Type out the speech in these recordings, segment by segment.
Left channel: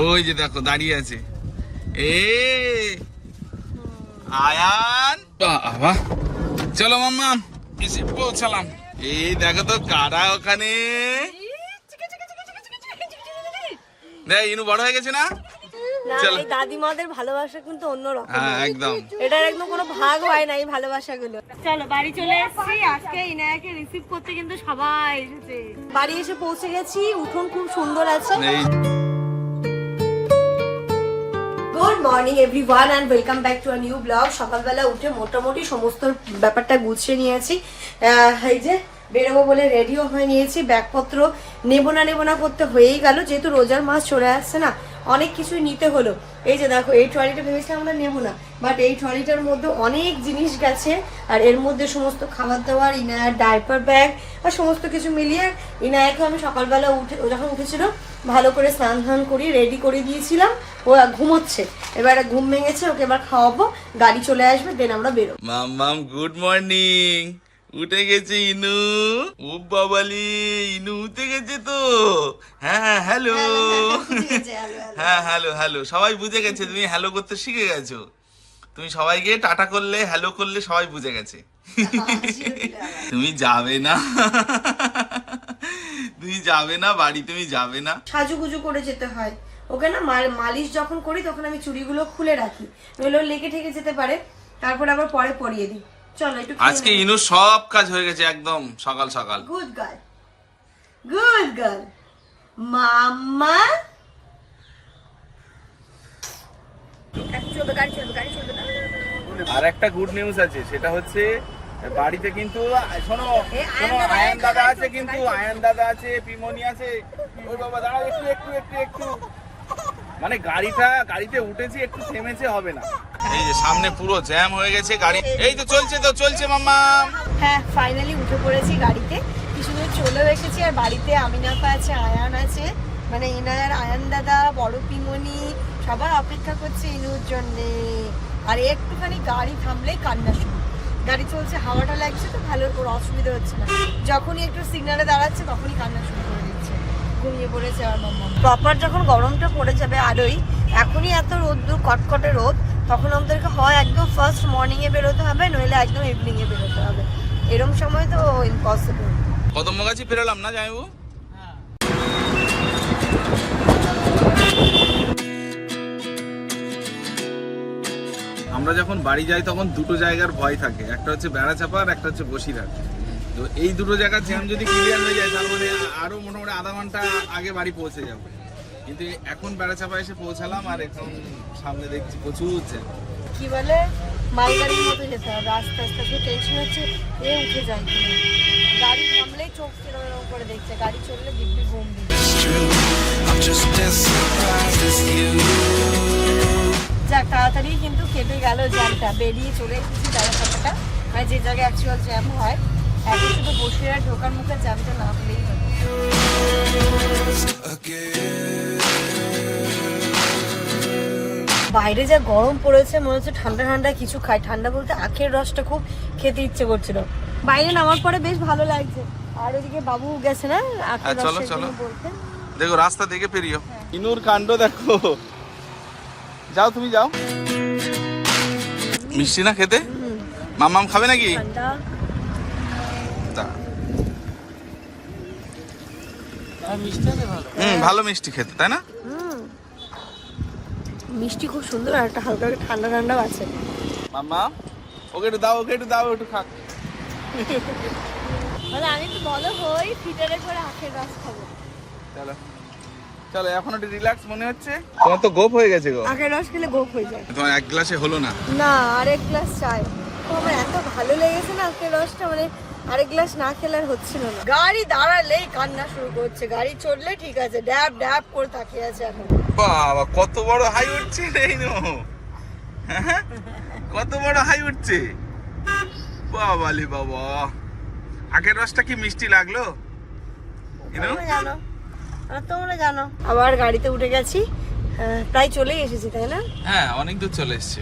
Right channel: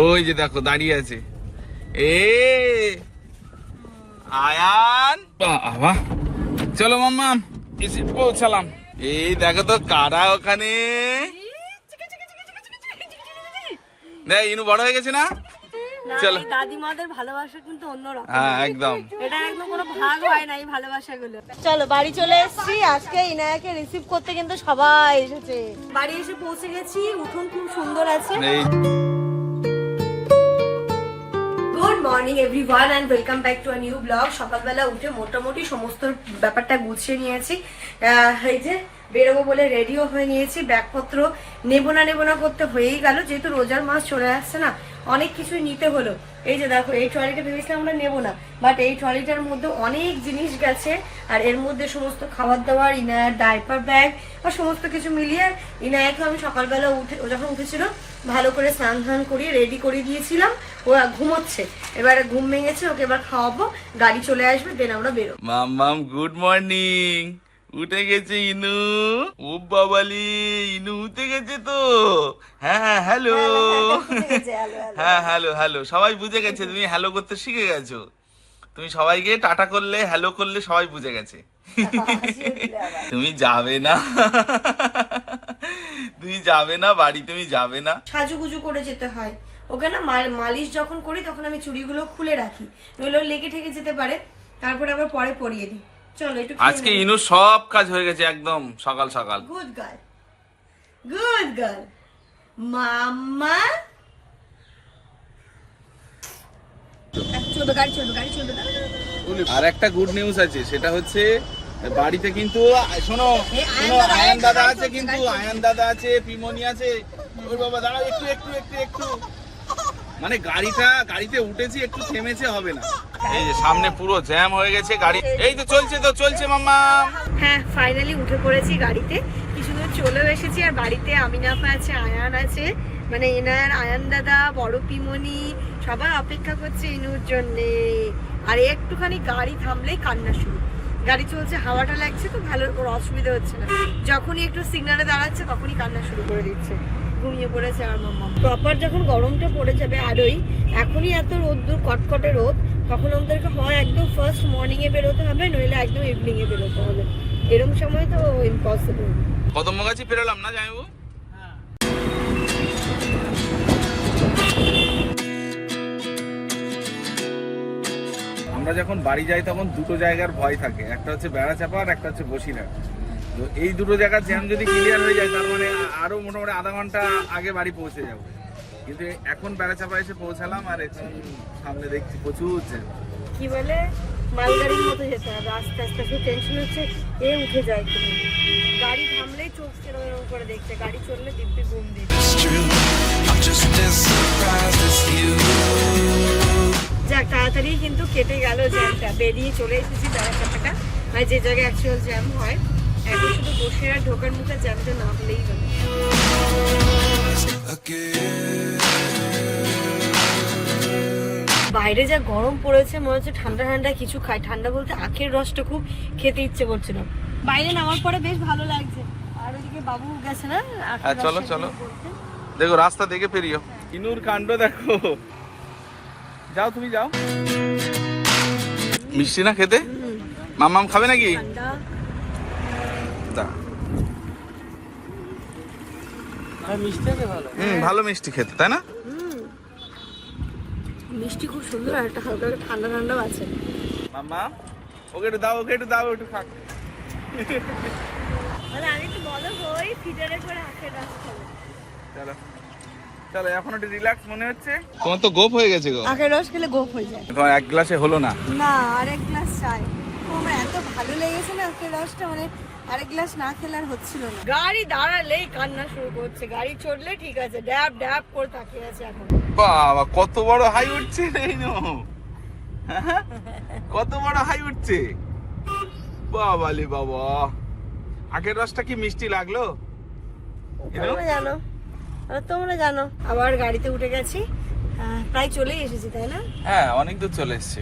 ওই যে দেখো দাঁড়িয়ে আছে। এ আয়ান। বাবা। চলো মাম্মা এসে পৌঁছালাম। এই দেখো তো কারা ওখানে? দেখ ইনু বড় হয়ে গেছে না? চলো। দাদিমাদের ভালোবাসা কিন্তু অন্যরকম। হ্যাঁ একদম। এটার একদম কোনো ভাগ হয় না এই ভালোবাসাগুলো। চলো বাড়ি চলে এসেছি। আজকে ইনায়াকে রিসিভ করতে কিন্তু সবাই এসেছে। বাড়ি এসে পৌঁছে গেছি। উঠোন খুব সুন্দর আছে। Morning everyone and welcome back to new blog সকালবেলা উঠে মোটামুটি সমস্ত ব্যাপারটা গুছিয়ে নিয়েছি। এই যে বেরোবো বলে রেডিও হয়ে নিয়েছি। ব্যাগপত্র নেব না নেব না করতে হয়েই গেল। যেহেতু রোজার মাস চলে আসছে না, অনেক কিছুই নিতে হলো। এই যে দেখো, এই ট্রলিটা ভেবেছিলাম আমরা নেব না বাট এই ট্রলিটার মধ্যে অনেক জিনিস গেছে, আর এর মধ্যে সমস্ত খাবার দাবার ইনায়ার ডাইপার ব্যাগ আর সমস্ত কিছু মিলিয়ে ইনায়াকে আমি সকালবেলা উঠে যখন উঠেছিল, ভালো করে স্নান ধান করি রেডি করে দিয়েছিলাম। ও ঘুমোচ্ছে। এবারে ঘুম ভেঙেছে ওকে এবার খাওয়াবো গাড়ি চলে আসবে দেন আমরা বেরোবো। মাম্মাম গুড মর্নিং উঠে গেছে ইনু। ও বাবালি ইনু উঠে গেছে তো। হ্যাঁ হ্যালো হ্যাঁ হ্যালো হ্যালো। সবাই বুঝে গেছে তুমি হ্যালো করতে শিখে গেছো। তুমি সবাইকে টাটা করলে হ্যালো করলে সবাই বুঝে গেছে। তুমি যাবে না। তুমি যাবে না বাড়ি তুমি যাবে না। সাজুগুজু করে যেতে হয়। ওকে না মাল- মালিশ যখন করি তখন আমি চুড়িগুলো খুলে রাখি। নইলে লেগে ঠেকে যেতে পারে। তারপর আবার পরে পরিয়ে দিই। চলো একটু আজকে ইনু সব কাজ হয়ে গেছে একদম সকাল সকাল। Good girl good girl mamma আর একটা গুড নিউজ আছে সেটা হচ্ছে বাড়িতে কিন্তু শোনো শোনো আয়ান দাদা আছে, কিন্তু আয়ান দাদা আছে পিমনি আছে। ওই বাবা দাঁড়াও একটু একটু একটু একটু। মানে গাড়িটা গাড়িতে উঠেছি একটু থেমেছে হবে না। এই যে সামনে পুরো জ্যাম হয়ে গেছে গাড়ি এই তো চলছে তো চলছে মাম্মা। হ্যাঁ ফাইনালি উঠে পড়েছি গাড়িতে। কিছু দূর চলেও এসেছি আর বাড়িতে আমিনাফা আছে আয়ান আছে। মানে এনার আয়ান দাদা বড় পিমনি সবাই অপেক্ষা করছে ইনুর জন্যে। আর একটুখানি গাড়ি থামলেই কান্না শুরু। গাড়ি চলছে হাওয়াটা লাগছে তো ভালো ওর অসুবিধা হচ্ছে না। যখনই একটু সিগনালে দাঁড়াচ্ছে তখনই কান্না শুরু করে দিচ্ছে। ঘুমিয়ে পড়েছে আমার মাম্মা। প্রপার যখন গরমটা পড়ে যাবে আরোই, এখনই এত রোদ্দুর কটকটে রোদ, তখন আমাদেরকে হয় একদম ফার্স্ট মর্নিংয়ে বেরোতে হবে, নইলে একদম ইভিনিংয়ে বেরোতে হবে। এরম সময় তো ইম্পসিবল কদমগাছি পেরোলাম না জামাইবু আমরা যখন বাড়ি যাই, তখন দুটো জায়গার ভয় থাকে। একটা হচ্ছে বেড়াচাপা আর একটা হচ্ছে বসিরহাট। তো এই দুটো জায়গার জ্যাম যদি ক্লিয়ার হয়ে যায় তার মানে আরও মোটামুটি আধা ঘণ্টা আগে বাড়ি পৌঁছে যাবে। কিন্তু এখন বেড়াচাপা এসে পৌঁছালাম আর এখন সামনে দেখছি প্রচুর জ্যাম কি বলে? মালগাড়ির মতো যেতে হবে আস্তে আস্তে। শুধু টেনশন হচ্ছে এ উঠে যায় গাড়ি থামলেই চোখ এরম করে দেখছে গাড়ি চললে দিব্যি ঘুম I'm just as surprised as you. যাক তাড়াতাড়ি কিন্তু কেটে গেল জ্যামটা বেরিয়ে চলে এসেছি দাঁড়াচাপাটা মানে যে জায়গায় অ্যাকচুয়াল জ্যাম হয় এখন শুধু বসে আর ঢোকার মুখে জ্যামটা না হলেই বাইরে যা গরম পড়েছে মনে হচ্ছে ঠান্ডা ঠান্ডা কিছু খাই। ঠান্ডা বলতে আখের রসটা খুব খেতে ইচ্ছে করছিল। বাইরে নামার পরে বেশ ভালো লাগছে। আর এদিকে বাবু গেছে না হ্যাঁ, চলো, চলো। দেখো রাস্তা দেখে পেরিও। ইনুর কাণ্ড দেখো। যাও তুমি যাও। মিষ্টি না খেতে? মামাম খাবে নাকি ঠান্ডা তা হুম ভালো মিষ্টি খেতে তাই না? মিষ্টি খুব সুন্দর আর একটা হালকা করে ঠান্ডা ঠান্ডাও আছে। মাম্মা ওকে একটু দাও ওকে একটু দাও একটু খাক। আমি একটু বড় হই ফিটারে করে আখের রস খাব। চলো। চলো এখন একটু রিল্যাক্স মনে হচ্ছে? তোমার তো গোপ হয়ে গেছে গো। আখের রস খেলে গোপ হয়ে যায়। তোমার এক গ্লাসে হলো না? না আরেক গ্লাস চাই। আমার এত ভালো লেগেছে না আখের রসটা মানে আরেক গ্লাস না খেলে আর হচ্ছিল না। গাড়ি দাঁড়ালেই কান্না শুরু করছে। গাড়ি চললে ঠিক আছে ড্যাব ড্যাব করে তাকিয়ে আছে এখন। বাবা কত বড় হাই উঠছে রে ইনু। হ্যাঁ? কত বড় হাই উঠছে। বাবালে বাবা। আগের রসটা কি মিষ্টি লাগল? জানো। আর তোমরা জানো। আবার গাড়িতে উঠে গেছি। প্রায় চলে এসেছি তাই না? হ্যাঁ অনেক দূর চলে এসছে।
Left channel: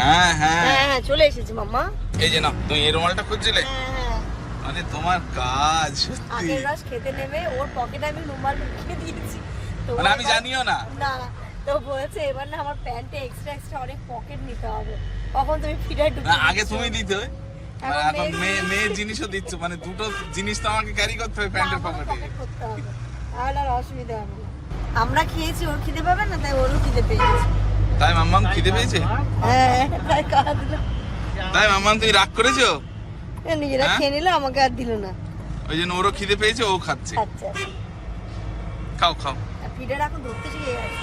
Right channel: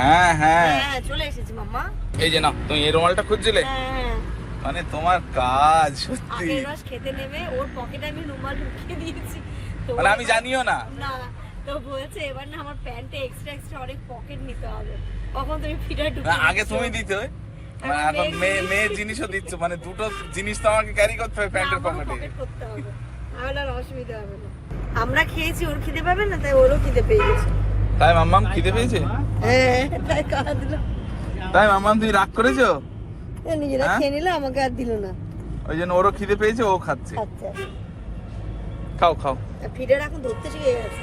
হ্যাঁ হ্যাঁ। হ্যাঁ হ্যাঁ চলে এসেছি মাম্মা। এই যে না তুমি এই রুমালটা খুঁজছিলে? হ্যাঁ হ্যাঁ। মানে তোমার কাজ আগের রস খেতে নেবে ওর পকেটে আমি রুমাল ঢুকিয়ে দিয়েছি। তো মানে আমি জানিও না। না না। তো বলেছে এবার না আমার প্যান্টে এক্সট্রা এক্সট্রা অনেক পকেট নিতে হবে। কখন তুমি ফিডার ঢুকে আগে তুমি দিতে মেয়ের জিনিসও দিচ্ছ। মানে দুটো জিনিস তো আমাকে ক্যারি করতে হবে প্যান্টের পকেট করতে হবে। তাহলে আর অসুবিধা হবে না। আমরা খেয়েছি ওর খিদে পাবে না তাই ওরও খিদে পেয়ে গেছে। তাই মাম্মাম খিদে পেয়েছে? হ্যাঁ তাই খাওয়া দিল। তাই মাম্মাম তুই রাগ করেছ? নিজেরা হ্যাঁ? খেয়ে নিল আমাকে আর দিল না। ওই জন্য ওরও খিদে পেয়েছে ও খাচ্ছে। আচ্ছা। খাও খাও। ফিডার এখন ধরতে শিখে গেছে।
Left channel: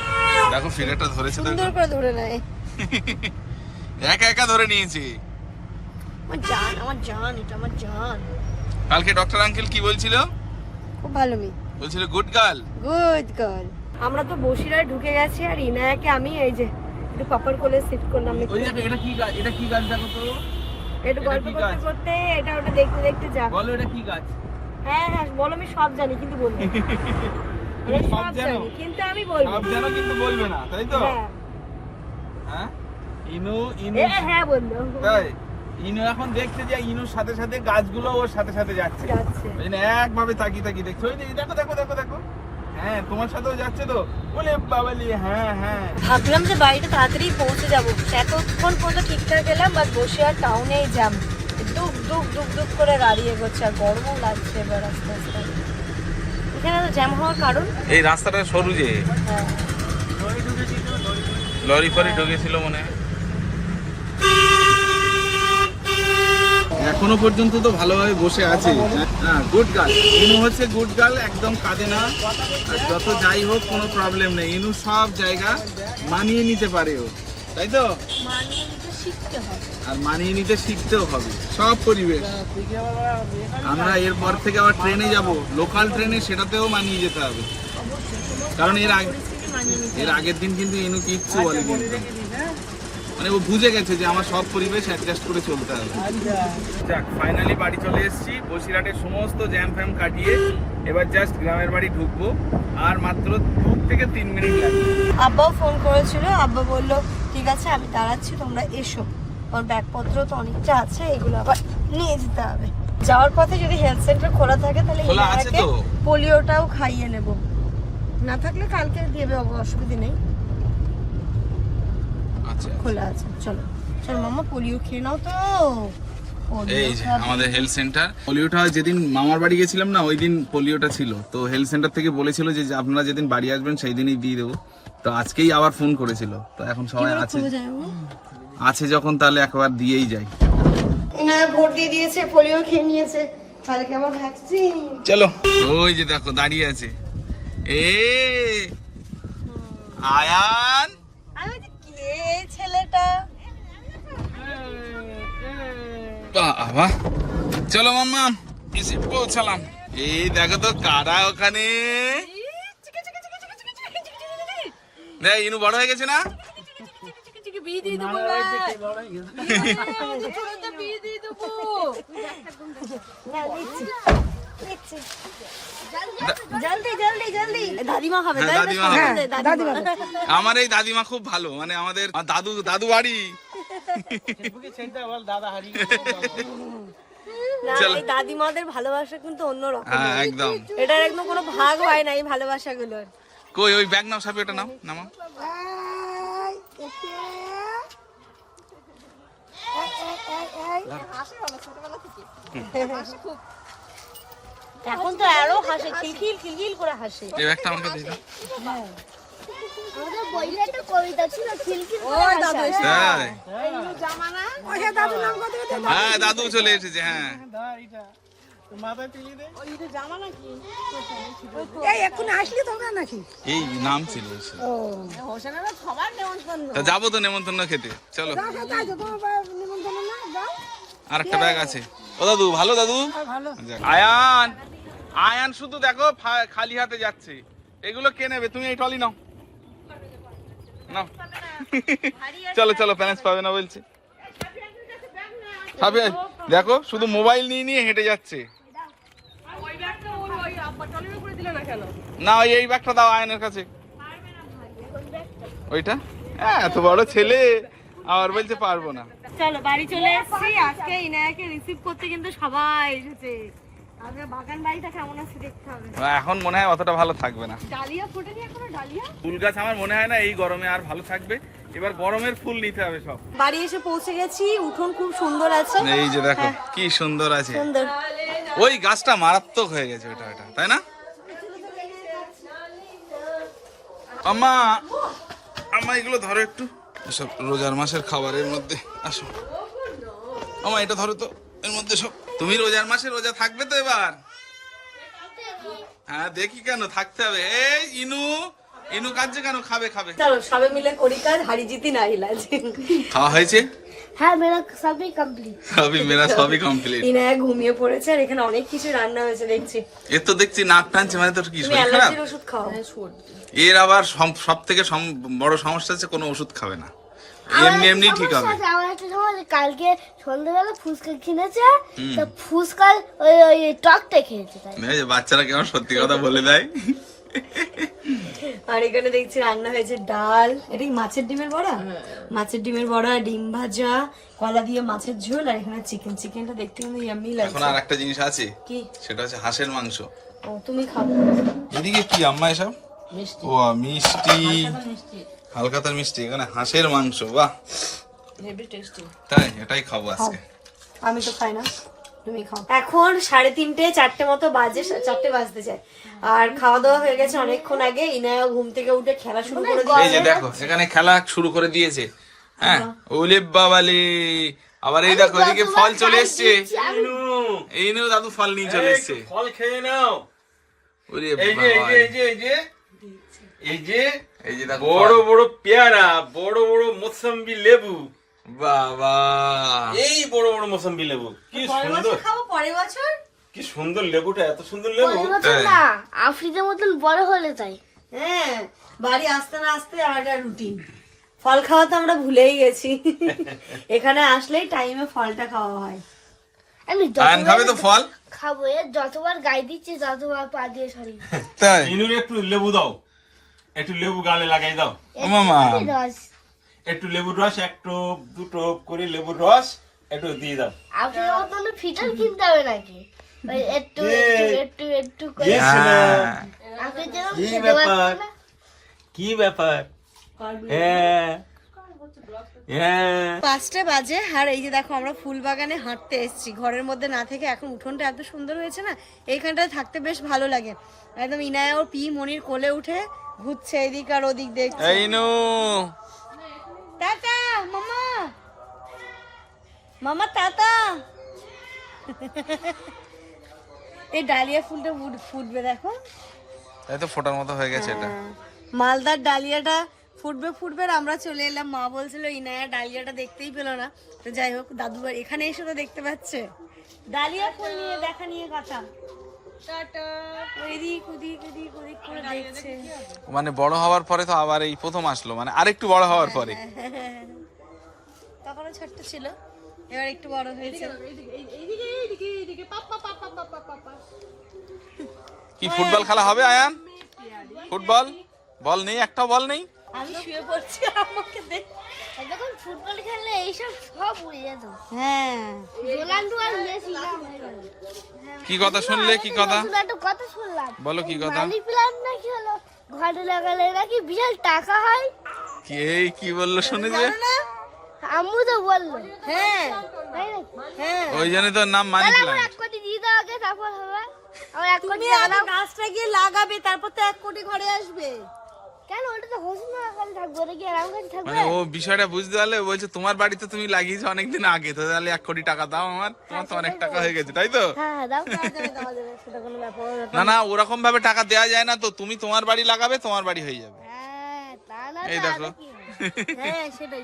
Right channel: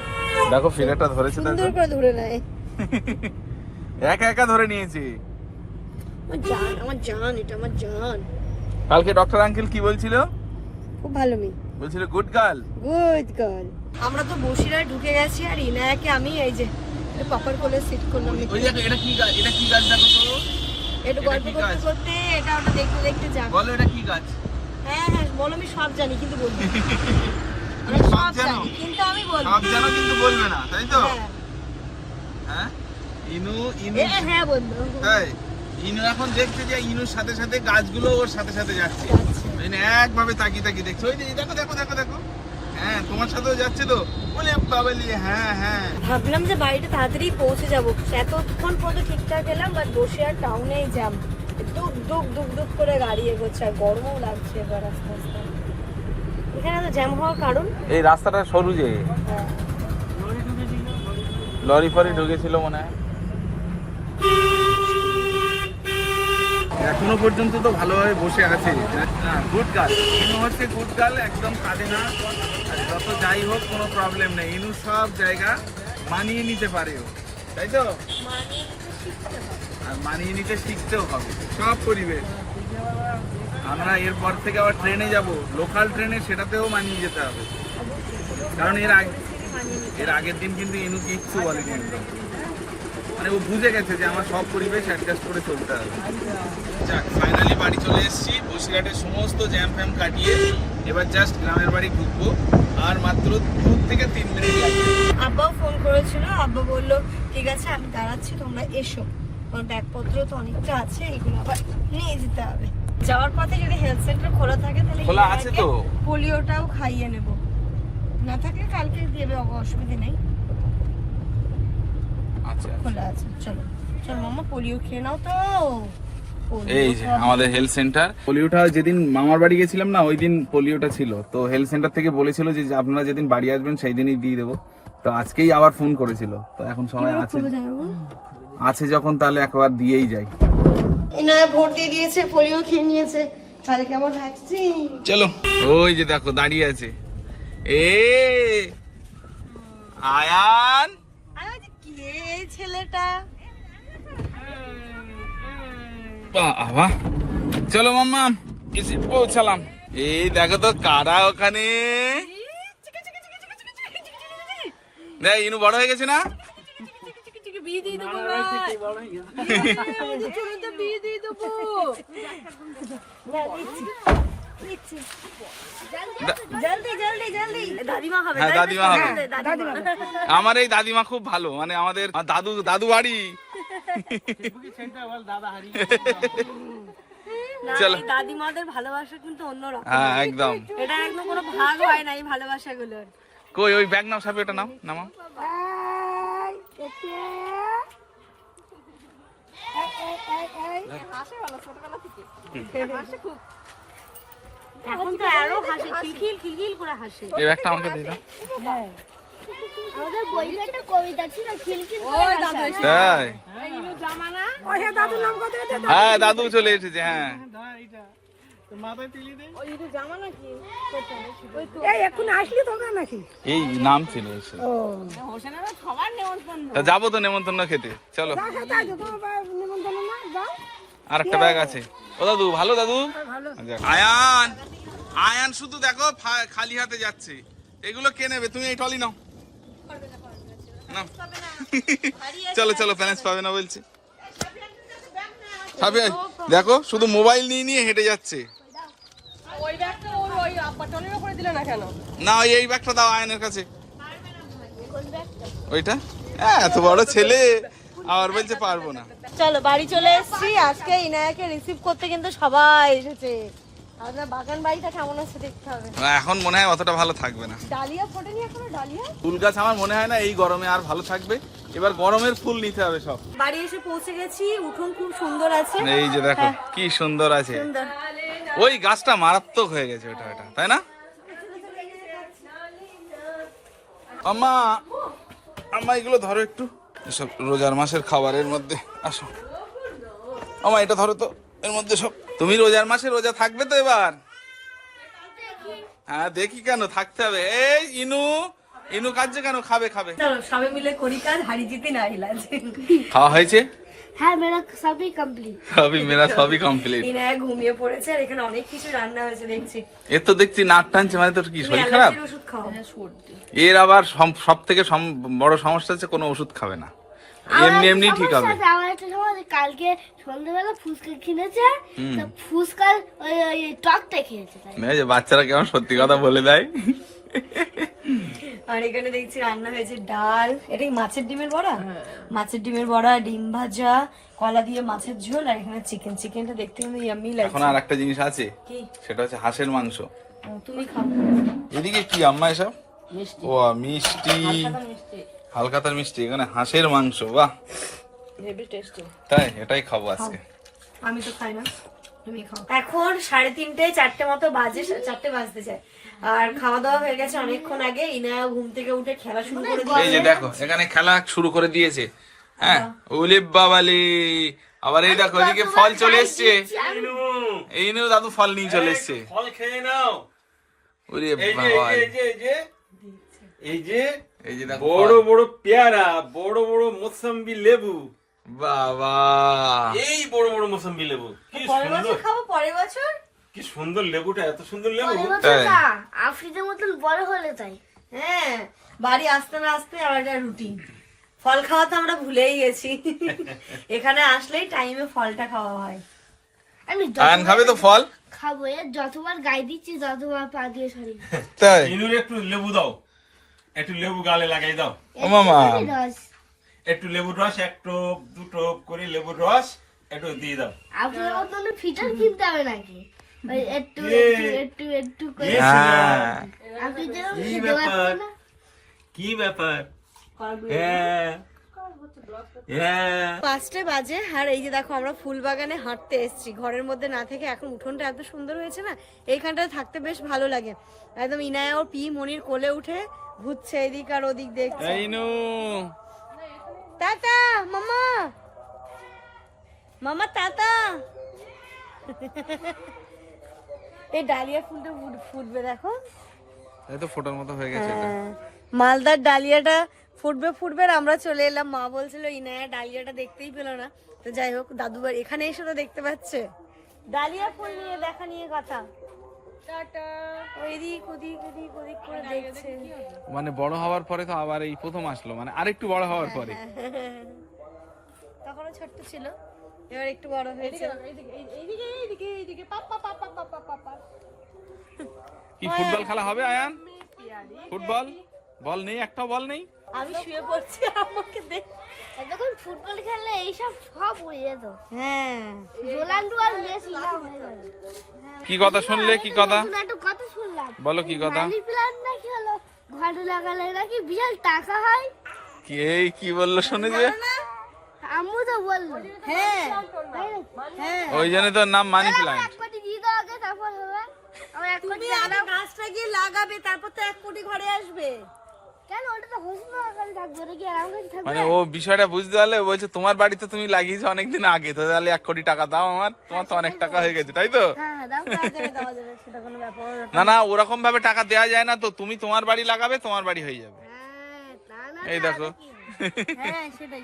দেখো ফিগারটা ধরেছে দেখো। করে ধরে নেয়। একা একা ধরে নিয়েছি। আমার জান আমার জান এটা আমার জান। কালকে ডক্টর আঙ্কেল কি বলছিল? খুব ভালো মেয়ে। বলছিল গুড গার্ল গুড গার্ল আমরা তো বসিরায় ঢুকে গেছি আর ইনায়াকে আমি এই যে একটু পাপড় কোলে সেট করলাম এটা কি গাছ এটা কি গাছ দেখো তো? একটু এটা গল্প করতে করতে এটা ওটা দেখতে দেখতে যা বলো এটা কি গাছ? হ্যাঁ হ্যাঁ বলো আমি সব জানি কিন্তু বলব সব জানো? কিন্তু আমি বলব সব জানো কিন্তু বলবে না তাই তো? হ্যাঁ। হ্যাঁ? ইনু ইনু। হ্যাঁ বন্ধু তাই? ইনু এখন দেখছে যে ইনুর সাথে সাথে গাছগুলো ওর সাথে সাথে যাচ্ছে। একভাবে তাকিয়ে তাকিয়ে দেখছে। ওই যে দেখো দেখো দেখো দেখো। হ্যাঁ তোমার সাথেও যাচ্ছে তো? বলে বাবালি হ্যাঁ হ্যাঁ। ভাবলাম যে বাড়িতে তাড়াতাড়ি পৌঁছে যাব। এতক্ষণ পর্যন্ত ঠিকঠাক গেলাম বাট বসে আর টাউনেই জ্যাম দুক দুক দুক দুক করে গাড়ি এগোচ্ছে আর গরমও লাগছে এবার আস্তে আস্তে। এখানে জ্যাম হওয়ার কারণ? এই রাস্তাটা সরু যে। হ্যাঁ, লরি ফরি ঢুকেছিল মনে হয়। এখনও পর্যন্ত তো ভালোভাবে বসে আছে। গুড গার্ল ইনু হচ্ছে গুড গার্ল একদম কাঁদে না। আর যত যাই হোক, কোনো প্রবলেম নেই। ইনু সব জায়গা মানিয়ে নিতে পারে ও। তাই তো? আর মানিয়ে নিতে শিখতেও হবে। সব পরিবেশ। আমরা এরপর থেকে আবার ট্রেনে যাব। লোকাল ট্রেনে সেটাতেও মানিয়ে যেতে হবে। কারণ এর আগে এর আগের দিন কিন্তু এনু কিচ্ছু বলে একদম। মানে ও বুঝে গেছে যে আমার সব পরিবেশ অ্যাডজাস্ট করে চলতে হবে। যাক ফাইনালি বাড়ি চলে এসেছি। বসিরহাটের সমস্ত জ্যাম ফ্যাম কাটিয়ে এবার জাস্ট গ্রামের বাড়ি ঢুকবো। আর মাত্র দু থেকে তিন মিনিট লাগবে। আব্বাও ফোন করেছিল। আব্বা বলল ঠিক আছে আমি দাঁড়াচ্ছি তোমরা এসো। আমার ব্যাগপত্র তো অনেকটা আছে এগুলো আবার নিয়ে যেতে হবে। যাওয়ার পথে যদি হেলথ সেন্টার খোলা থাকে তাহলে। পোলিওটাও খাইয়ে নেব। না থাকলে কালকে দেবে অসুবিধা নেই। খোলা আছে চলো। চল মামা পোলিও খেয়ে নাও তো। এই যে আমাদের হেলথ সেন্টার পোলিওটা যেদিন মামার বাড়ি গেছিলাম না ওই দিন পোলিওটা ছিল। তো হেলথ সেন্টার থেকে বলেছিল যে আপনারা যেদিন বাড়ি আসবেন সেই দিনই দিয়ে দেবো। তো আজকেই আবার ফোন করেছিল। তো এখন সবাই আছে? আছে যখন তাহলে একবার দিয়েই যাই। ভোট দিয়ে দিয়েছে পোলিও খেয়ে নিয়েছে। ভ্যাকসিন চলো। ওই যে দেখো দাঁড়িয়ে আছে। এ আয়ান! এই ছেলেটা। বাবা। চলো মাম্মা এসে পৌঁছালাম। এই দেখো তো কারা ওখানে। দেখ ইনু বড় হয়ে গেছে না? জলদি জলদি জলদি হ্যাঁ, তাই না? দাদিমা হবে। হ্যাঁ, দাদিমা। হবে। আমার এই দাদিমা খুব ভালো মানে আমাদের দাদু দাদু বাড়ি। চলো। এই দাদিমাদের ভালোবাসা কিন্তু অন্যরকম। হ্যাঁ একদম। এটার একদম কোনো ভাগ হয় না এই ভালোবাসাগুলো কই ওই ব্যাগ নাও সাপে ওটা নাও নামাও। এখন তো আরও হাসে খিলখিল খিলখিল করে হাসে। এই ব্যাগটা আমাকে নাম কত হ্যাঁ দাদু চলে এসেছে হ্যাঁ। এই এখন আসলি তোমরা নাকি? এই নাম ছিল যাব তো নেমন্তন্ন খেতে চলো। আর একটা ব্যাগ আছে। ও দাদু ভালো দাদু? আয়ান! আয়ান শুধু দেখো খালি হাতে যাচ্ছে। এগুলো কে নেবে? তুমি এই টলি নাও। নাও। চলো চলো প্যালেন্স পাবে না বলছে। দেখো, শুধু মোবাইল নিয়ে নিয়ে হেঁটে যাচ্ছে। না এই ব্যাগটা দাও আয়নের কাছে। ওইটা? হ্যাঁ এত বড় ছেলে। আবার বলছে পারব না। চলো, বাড়ি চলে এসেছি। আজকে ইনায়াকে রিসিভ করতে কিন্তু সবাই এসেছে। এখন মনে হয় অতটা ভালো থাকবে না। ফুল গাছ আমার মনে হয় না এই গরমে আর ভালো থাকবে। এবার গরমের ফুল নিতে হবে সব। বাড়ি এসে পৌঁছে গেছি উঠোন খুব সুন্দর আছে। এই যে দেখো কি সুন্দর আছে। ওই গাছটা মারাত্মক হয়ে গেছে ওটা ওটা তাই না? আম্মা আম্মা এগুলো ধরো একটু। এসব রোজার মাসের খাবারের মধ্যে আসো। আম্মা এটা ধরো তো এর মধ্যে সব। তুমি রোজার মাসে রোজা থাকবে তো এবার? হ্যাঁ দেখি কেন থাকতে হবে। এই ইনু ইনু কাজে কেন? খাবে খাবে। চলো সবাই মিলে করি কাজ হারি জিতি না ইলাজ। খাওয়া হয়েছে? হ্যাঁ মেরা সবই কমপ্লিট সবই মেরা সবই কমপ্লিট ইনায়া ঘুমিয়ে পড়েছে আর এখানে অনেক কিছু রান্না হয়েছে দেখছি। এর তো দেখছি নাক টানছে মানে তোর কি শরীর খারাপ? অ্যালার্জির ওষুধ খাও। এর আবার সব থেকে বড় সমস্যা হচ্ছে কোনো ওষুধ খাবে না। এমনি এমনি ঠিক হবে। আমার একটা সমস্যা কালকে সন্ধ্যাবেলা ফুচকা কিনেছে তো ফুচকার ওই ওই টকটা খেয়েছে তাই। বাচ্চারা কেমন সত্যি কথা বলে দেয়। আর এখানে দেখছি রান্না হয়েছে ডাল। এটা কি মাছের ডিমের বড়া? মাছের ডিমের বড়া ডিম ভাজা কলা দিয়ে মাছের ঝোল আর এখানে চিকেন। চিকেনটা দেখতে কিন্তু ইয়াম্মি এখন আর একটা জিনিস আছে কি? সেটা হচ্ছে হাঁসের মাংস। ও তুমি খাব। এদিকে কি আম্মা এসব? ও মিষ্টি। হালকাতার মিষ্টি এখানে হাঁসের মাংস বাহ। তাই এটাই খাব আজকে। আমি তো খাই না। তুমি খাও। এখন সাড়ে তিনটে চারটে মতো বাজে চারটে বাজতে যায়। আর খাওয়া দাওয়া হয়ে গেছে অনেকক্ষণ আগে ইনায়া ঘুম থেকে উঠে খেলা শুরু করে এই যে দেখো এখানে খেলা শুরু করে দিয়েছে। হ্যাঁ ওলে বাবালে। আবার এই দেখো এদিকে ফল চলে এসছে। এই নিয়েও দাদু ফল নিয়ে চলে এসছে। ফল খেয়ে নাও। ওরে বাবা এই যে এই যে এই যে এই যে দেখো বড় ফল। বড় পেয়ারা বড় বড় মোসাম্বি লেবু। বাবা। এই বড় বড় মোসাম্বি লেবু। কি সুন্দর। খাব পরের বছর? কি সুন্দর লেবুটা এত সুন্দর লেবু। আফ্রিকার মতন বড় হলে তাই। হ্যাঁ বাড়ি আসতে না আসতে একটা রুটিন ফল খাওয়া তো আমরা ভুলেই গেছি। এখানে আসলেই টাইমে ফলটা খাওয়া হয়। আমি আয়ন খাবে তো ফল? খাব যতবার গাই দিচ্ছি ততবার পা দিয়ে সরি। তাই। ইনুর একটু লেবু দাও। একটু লেবু গালে লাগাই দাও। মামা। একটু লেবুর রস। একটু দুটো করে লেবুর রস একটু দিয়ে দাও। আফ্রিকার মতন ফিটার কিনতে হবে নাকি? একটু একটু একটু একটু করে। Yes, আপনি যেরকম কি ব্যাপার? কি ব্যাপার? হ্যাঁ। হ্যাঁ। পাঁচটা বাজে। আর এই যে দেখো আমরা ফুল বাগানে হাঁটতে এসেছি। ঘরের মধ্যে না থেকে এখন উঠোনটা এত সুন্দর হয়েছে না এইখানটায় থাকতে বেশ ভালো লাগে। একদম ইনায়া ওর পি মনির কোলে উঠে ঘুরছে এদিক আর ওদিক দেখছে। এই নু। টাটা মামা। মামা টাটা। এই ডালিয়া ফুলটা ফুটবে দেখো। এই তো ফোটার মতো হয়ে গেছে এটা। হ্যাঁ। মালদার ডালিয়াটা ফুটবে ফুটবে আর আমরা চলে এলাম। মা বলছিল ইনায়া ডালিয়াটা দেখতেই পেল না। তো যাই হোক দাদু বাড়ি এখানে এসে তো দেখতে পাচ্ছে। ডালিয়া ফুল নিয়ে দেখা নিয়ে কথা। মানে বড় হওয়ার পরে তো আবার এই প্রথম আসলো মানে আরেকটু বড় হওয়ার পরে। তখনও ছোট্ট ছিল এবার একটু বড় হয়েছে। কি ফুটবল খেলা হবে আয়ান? ফুটবল? বল নেই একটাও বল নেই? আমি শুয়ে পড়ছি আমাকে দেখ দেখুন ফুটবল খেললে এইসব সব উড়ে যেত। হ্যাঁ। রোনাল্ডো আর মেসি না হয়ে গেল। কি কথা শুনলে? কি কথা? একটা কথা শুনলাম। বলো কি কথা? মানি প্ল্যান্ট নাকি হলো? ঘরে লাগালে নাকি বিশাল টাকা হয়? কি এই কি বলল শুনে যে? আম্মু তো বলল। হ্যাঁ। হ্যাঁ। ওই জন্য তো নাম মানি প্ল্যান্ট এক কোটি দিয়ে দাও আগে তারপর হবে। আমি এক কোটি গাছটা গিয়ে লাগাবে তারপর তো এক কোটি ঘরে আসবে। মানে ও বিষয়টা বুঝতে পারলে বলছে তোমার বাড়িতে তুমি লাগিয়েছো অনেকদিন আগে তো তাহলে এক কোটি টাকা দাও আমার তোমার তো অনেক টাকা হয়ে গেছে তাই তো? হ্যাঁ হ্যাঁ, না। না ওরকম ভাবে টাকা দেওয়া যায় না তো তুমি তোমার বাড়ি লাগাবে তোমার বাড়ি হয়ে যাবে। এই দেখো। হ্যাঁ সেটাই।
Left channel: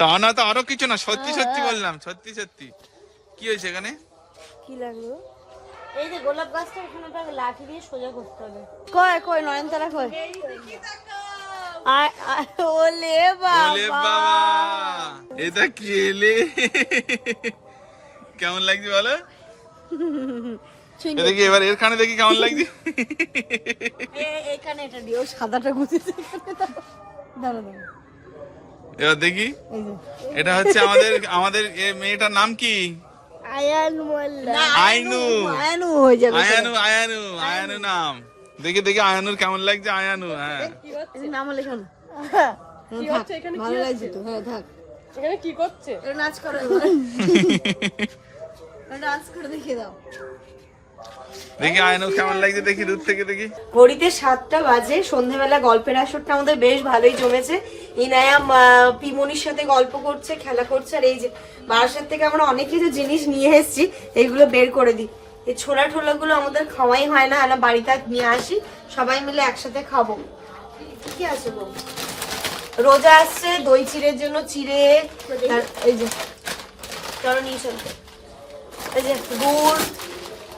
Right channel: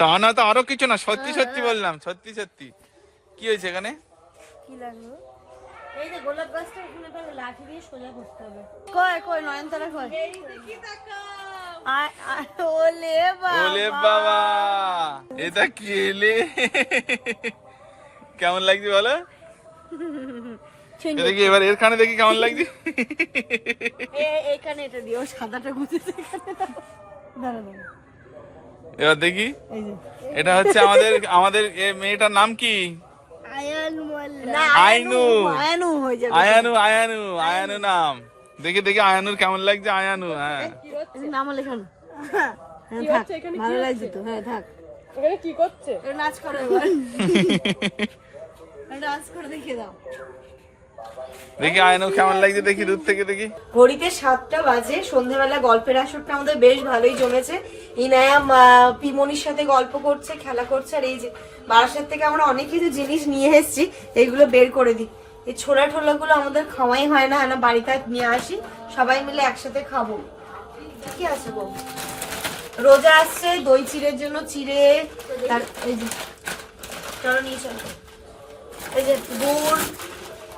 তা না তো আরও কিছু না সত্যি সত্যি বললাম সত্যি সত্যি। কি হয়েছে এখানে? কি লাগল? এই যে গোলাপ গাছটা এখানে তো লাঠি দিয়ে সোজা করতে হবে। কয় নয়নতারা আ- আ- ওলে বাবা। ওলে বাবা। এটা কি এলে? কেমন লাগছে বলো? দেখি এবার এর কানে দেখি কেমন লাগছে। এখানে এটা দিও সাদাটা গুছিয়েছে দাঁড়া দাঁড়া দাঁড়া। এবার দেখি। এটা হচ্ছে আমাদের আমাদের মেয়েটার নাম কি? আইনু আয়ানু। হয়ে যাবে। আয়ানু আয়ানু আয়ানু নাম। দেখে দেখে আয়ানুর কেমন লাগছে? আয়ানু হ্যাঁ। নাম লেখানো হ্যাঁ থাক ভালো লাগছে তো। হ্যাঁ থাক। এখানে কি করছে? এ নাচ করে এবার। ডান্স করে দেখিয়ে দাও। দেখি আয়ানুর কেমন লাগছে, দেখি দূর থেকে দেখি। ঘড়িতে সাতটা বাজে সন্ধ্যেবেলা গল্পের আসরটা আমাদের বেশ ভালোই জমেছে। ইনায়াম পিমনির সাথে গল্প করছে, খেলা করছে, আর এই যে বারাসাত থেকে আমরা অনেক কিছু জিনিস নিয়ে এসেছি, এইগুলো বের করে দিই। এই ছোলা ঠোলা গুলো আমাদের খাওয়াই হয় না, আমরা বাড়িতে নিয়ে আসি, সবাই মিলে একসাথে খাব। কি আছে গো রোজা আসছে, দই চিড়ের জন্য চিড়ে এই যে, চলো নিয়ে চলো। এই যে গুড়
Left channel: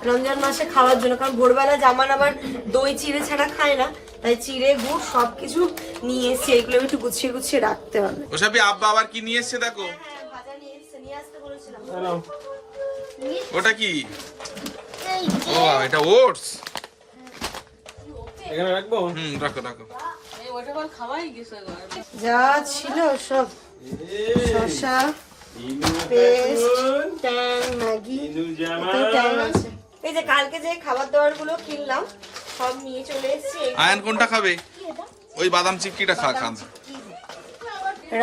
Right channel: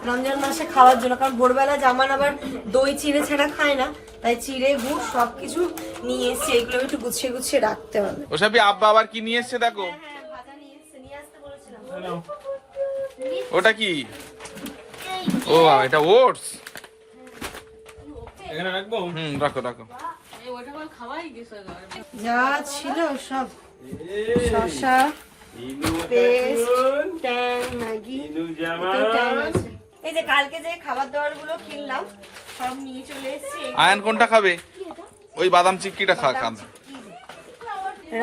রমজান মাসে খাওয়ার জন্য কারণ ভোরবেলা জামান আবার দই চিড়ে ছাড়া খায় না তাই চিড়ে গুড় সবকিছু নিয়ে এসেছি এইগুলো আমি একটু গুছিয়ে গুছিয়ে রাখতে হবে। ওসবই আব্বা আবার কি নিয়ে এসছে দেখো? ওটা কি? ও এটা ওটস। এখানে রাখব? হুম রাখো রাখো। ওইটা কোন খাওয়াই গেছে যা ছিল সব। শসা পেস্ট ট্যান ম্যাগি ট্যান আছে। এই যে কালকে যে খাবার দাবারগুলো কিনলাম সব নিয়ে চলে এসেছি। আয়ান কোনটা খাবে? ওই বাদাম চিক্কিটা খা খান।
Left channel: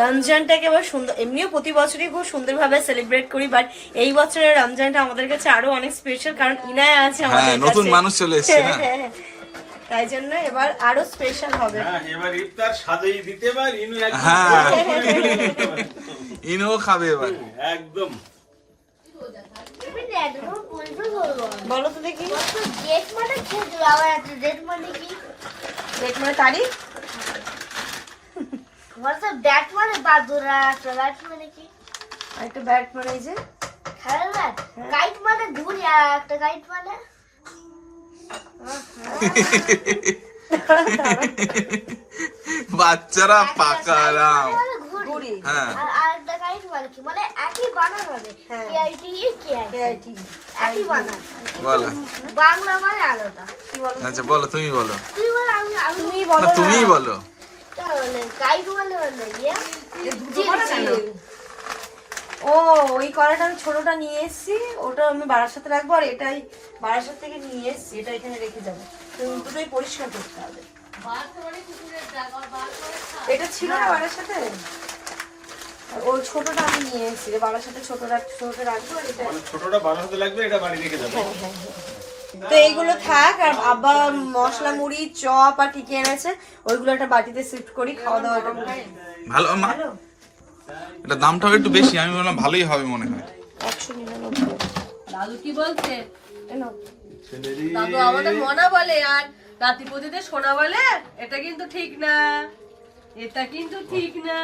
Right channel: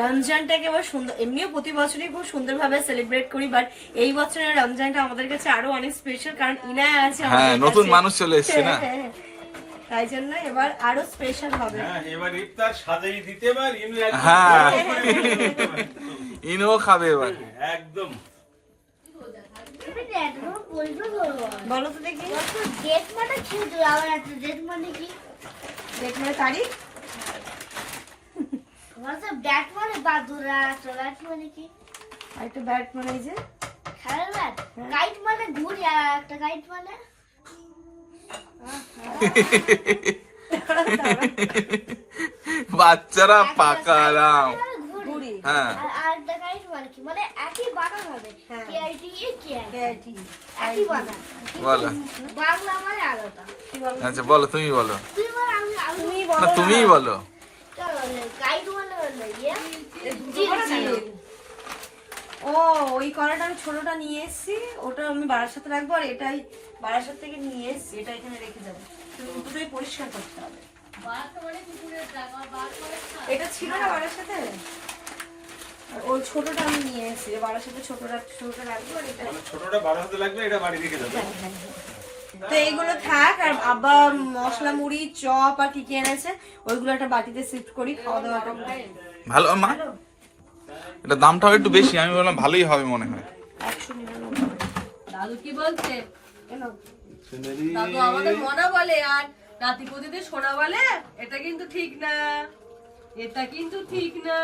রমজানটাকে এবার সুন্দর এমনিও প্রতি বছরই খুব সুন্দরভাবে সেলিব্রেট করি বাট এই বছরের রমজানটা আমাদের কাছে আরও অনেক স্পেশাল কারণ ইনায় আছে হ্যাঁ নতুন মানুষ চলে এসছে না? হ্যাঁ, হ্যাঁ। তাই জন্য এবার আরও স্পেশাল হবে। হ্যাঁ এবার ইফতার সাজেই দিতে পার হ্যাঁ। ইনও খাবে এবার। একদম। বলো তো দেখি। মানে আবার একটা মানে কি মানে তারিখ? ব্যাট মানে বাদুরা একটা ব্যাট মানে কি একটা ব্যাট মানে এই যে। খেলার ব্যাট গাইড মানে ঘুরি আর একটা গাইড মানে। বাচ্চারা পাকারাম হ্যাঁ। আর আরেকটা গাইড মানে কি? মানে একই বানান হবে। হ্যাঁ। KIT KIT KIT. একই বানান বলো। বাংলা মানে আলাদা। কি বলো? আচ্ছা বলো তুমি বলো। আমি আমি তুমি না বলো তুমিই বলো। গাইড বলে বলে ইয়ে? ও ওই কড়াটা আমি ছোটটা নিয়ে এসেছি। ওটা আমি বাড়ার সাথে রাখব আর এটাই বারাসাত থেকে নিয়ে এসেছি। এটা এখানে রেখে যাব। তো দুটোই পরিষ্কার করতে হবে। এটা ছিল না সাথে আর ওই ছোটটা আমি নিয়ে এসেছি বাড়ার সাথে ছোটটা ছোটটা রাখব মানে ছোটটা বারো হতে লাগবে এটা বাড়ি রেখে যাব। তো এইগুলো থাক আর আব্বা মশলা মুড়ি চপ আর কি কি এনেছে ওইগুলো একটা বাটিতে শিফট করি খাওয়া দাওয়াটা ভালো মা? এটা দামটাও একটু বেশি আমি বললাম ভালোই হবে মনে হয়। দাদু কি বলছে। দাদু আমাদের মনা বলে আর নাতি পুতিদের সোনা বলে এটা কিন্তু ঠিক না। এটা কিন্তু ঠিক না।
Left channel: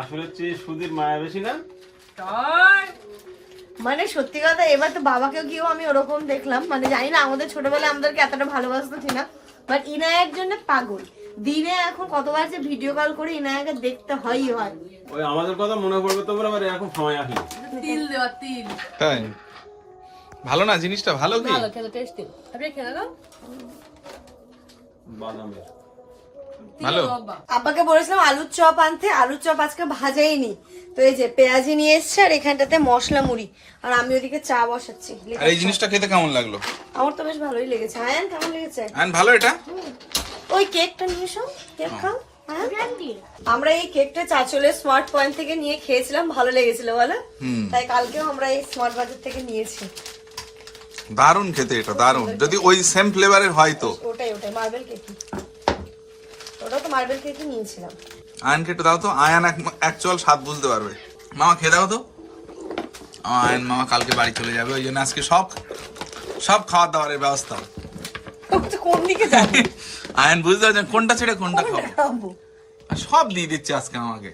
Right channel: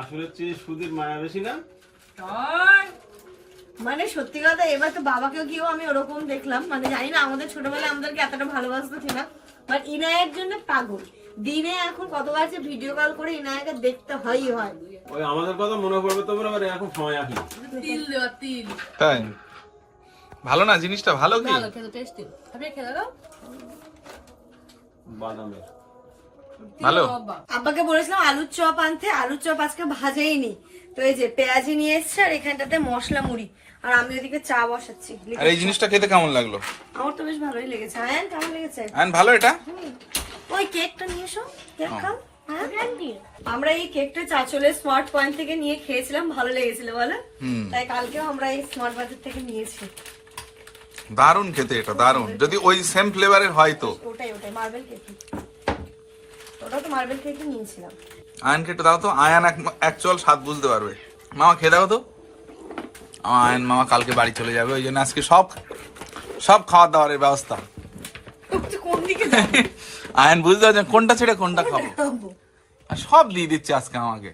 আসলে হচ্ছে মায়া বেশি না? তাই? মানে সত্যি কথা এবার তো বাবাকে গিয়েও আমি ওরকম দেখলাম। মানে জানি না আমাদের ছোটবেলায় আমাদেরকে এতটা ভালোবাসতো কিনা। বাট ইনায়ের জন্য পাগল। দিনে এখন কতবার যে ভিডিও কল করে ইনায়াকে দেখতে হয়ই হয়। ওই আমাদের কথা মনে পড়বে তোমরা আবার এখন সময় আসলো। তিল দেওয়া তিল। তাই? ভালো না? জিনিসটা ভালো কি? ভালো খেতে টেস্টি আপনি খেতে দাও বাদামের। ভালো। আব্বাকে বলেছিলাম আলুর চপ আনতে আলুর চপ আজকে ভাজাইনি। তো এই যে পেঁয়াজি নিয়ে এসছে আর এখানটাতে মশলা মুড়ি। আর আমি ওদিকে চা বসাচ্ছি। আর এই জিনিসটা খেতে কেমন লাগল? আমার তো বেশ ভালোই লেগেছে। আয়ান কেমন লেগেছে? আয়ন ভালো এটা? ওই কেকটা নিয়ে এসো। কেক খাও। হ্যাঁ। আমরা এই কেকটা চাচলের স্মার্ট পয়েন্ট থেকে নিয়ে খেয়েছিলাম। ভালো লেগেছিল বলো? হুম। তাই কালকেও আমরা এই স্মার্ট বাজার থেকে নিয়েছি। দারুণ খেতে এটা দারুণ। যদি ওই সেম ফ্লেভারের হয় তো। ওটাই ওটাই মার্বেল কেক ওটাও তো মার্বেল কেকই নিয়েছিলাম আয়ন খেতে দাও তো। আয়ান অ্যাকচুয়াল স্বাদ বুঝতে পারবে। মামা খেয়ে দাও তো। আমার আয়ন মামা কালকে বাড়ি চলে যাবে ওই জন্য আজকে সব সব খাওয়া দাওয়ার ব্যবস্থা। কোন দিকে আয়ন বুঝতে পারছেন কোনটা ছেড়ে কোনটা খাব? সব দিয়ে দিচ্ছে আজকে আমাকে।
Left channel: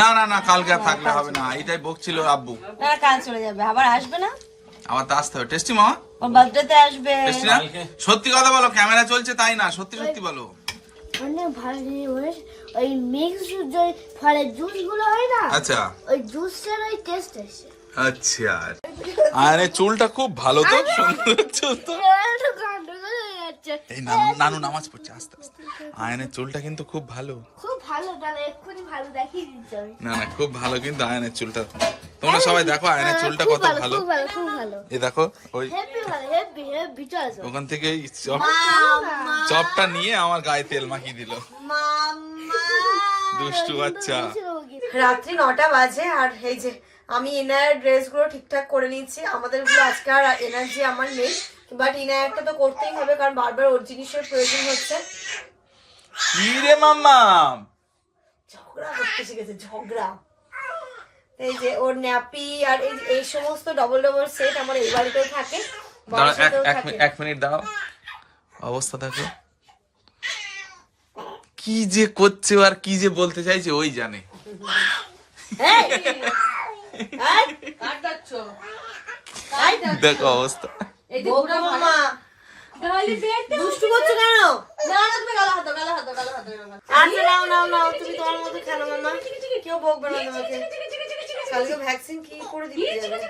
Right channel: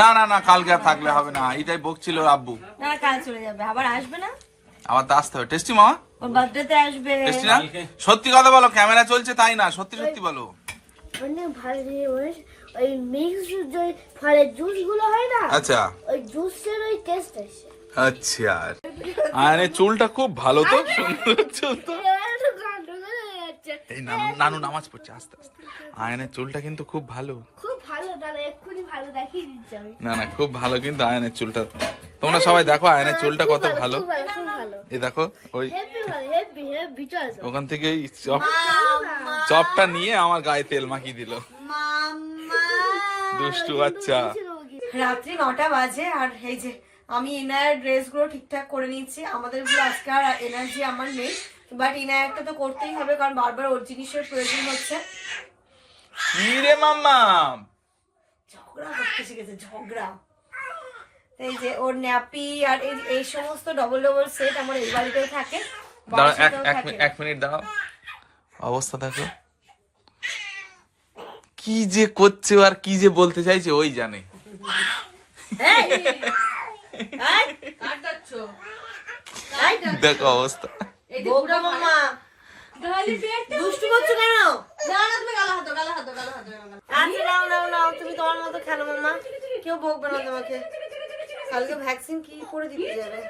না না না কালকে আর থাকলে হবে না। এটাই বকছিল আব্বু। কাল চলে যাবে। আবার আসবে না? আবার তো আসতে হবে। টেস্টি মামা? ওর বার্থডেতে আসবে। টেস্টি না? সত্যি কথা বলো ক্যামেরা চলছে তাই না? সত্যি সত্যি বলো। অনেক ভালো জিনিস ওই মিক্স ওই ফলের জুসগুলো হয় না? আচ্ছা। ওই জুসের ওই টেস্ট আছে আচ্ছা। আরে চুলটা খুব ভালো তো। সুন্দর চুল তো। দিচ্ছে এই নানু নানু নামাজ পড়ছে আস্তে আস্তে। আয়নের চুলটা কিন্তু খুব ভালো। খুব ভালো দাদা এক্ষুনি ভালো দেখিয়ে দিচ্ছে আমি। না না খুব ভালো কিন্তু আয়নের চুলটা। তোমরা সবাই দেখো আয়নের চুলটা কত ভালো খুব ভালো খুব ভালো। এই দেখো ওই ওখান থেকে চপ চপটা নিয়ে আমার গায়ে তেল মাখিয়ে দিল। দুষ্টু বাচ্চা। রাত্রি নটা বাজে আর এই যে আমি এনার ড্রেসগুলো ঠিকঠাক করে নিচ্ছি আমাদেরগুলো আজকে আর এনার্জি আমার নেই। বাট ইনায়ারটা তো করতেই হবে কারণ বারবার ওর জিনিসের প্রয়োজন হচ্ছে। কি রে মাম্মা? ঝগড়া করতে শিখেছে ঝগড়া। এই যে ওর ন্যাপি আর এই এই সমস্ত ডবল ডবল সেট আমার এই বাড়িতেও থাকে এক। মিনিট- দাও অবস্থা দেখো। কি যে করছে আর কি যে বলতে চাইছে ওই জানে? দেখো অবস্থা। এই যে পুরো ভালো- গালি পেট দুষ্টু করছ কেন? না না তুমি গালা হাতো গালা হাতো গালা হাতো আচ্ছা নাও নাও নাও তুমি তোমার মতো খেলো মামা। কেউ বকবে না তোমাকে। কালকে ভ্যাকসিন কি করে দিতে যাবে?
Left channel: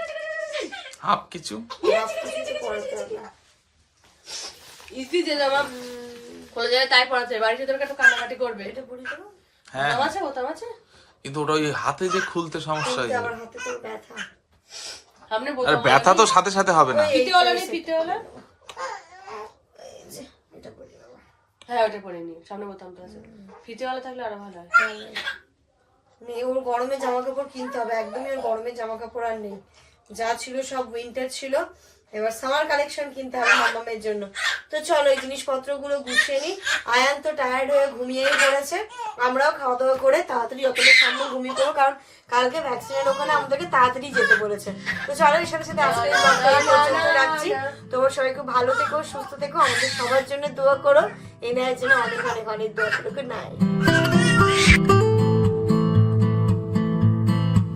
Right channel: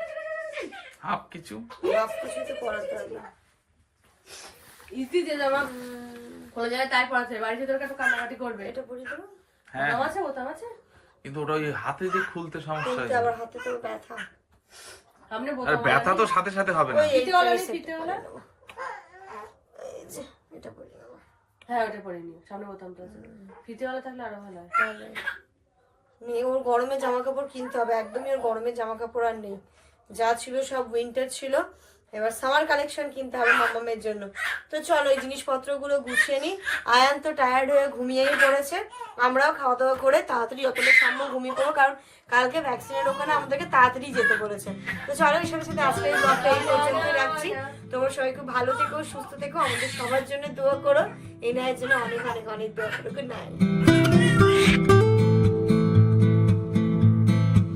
হাফ কিছু। করাতে হবে না। ইস্তি যে জামা তাই পড়াচ্ছে বাড়িতে তোর একটু কাটাকাটি করবে। এটা তো? হ্যাঁ। আছে বোতাম আছে? কিন্তু ওটা ওই হাতে যে খুলতে সমস্যা আবার হাতে তো ব্যথা। আর ব্যথা তো সাথে সাথে হবে না। হ্যাঁ ওটা পরে নি সামনে বোতাম তো আছে। ফিতে থাকলে আরও ভালো হয়। মেয়ে ওর গরমের জামা কাপড় কিনতে হবে। একদমই ওর গরমের জামা কাপড় আর নেই। যা ছিল সব উইন্টার ছিল। এবার সামার কালেকশন কিনতে হবে মামামের জন্য। তো চলো এই জিনিসপত্রগুলো গুছিয়ে নিই আয়ান তো টায়ার্ড হয়ে ঘুমিয়েই পড়েছে। আমরাও খাওয়া দাওয়া করে তাড়াতাড়ি অতটা সামনে ঘুমিয়ে পড়ব, কারণ কালকে ভ্যাকসিনের ওখানে আমাদেরকে তাড়াতাড়ি যেতে বলেছে। তো চলো এর সাথে সাথে আজকে এই পর্যন্ত রাখছি। তোমরা সবাই খুব ভালো থেকো, সুস্থ থেকো, আমাদের সবার জন্য দোয়া করো। এই নেওয়ার জন্য অনেক অনেক অনেক দোয়া করো। নাইট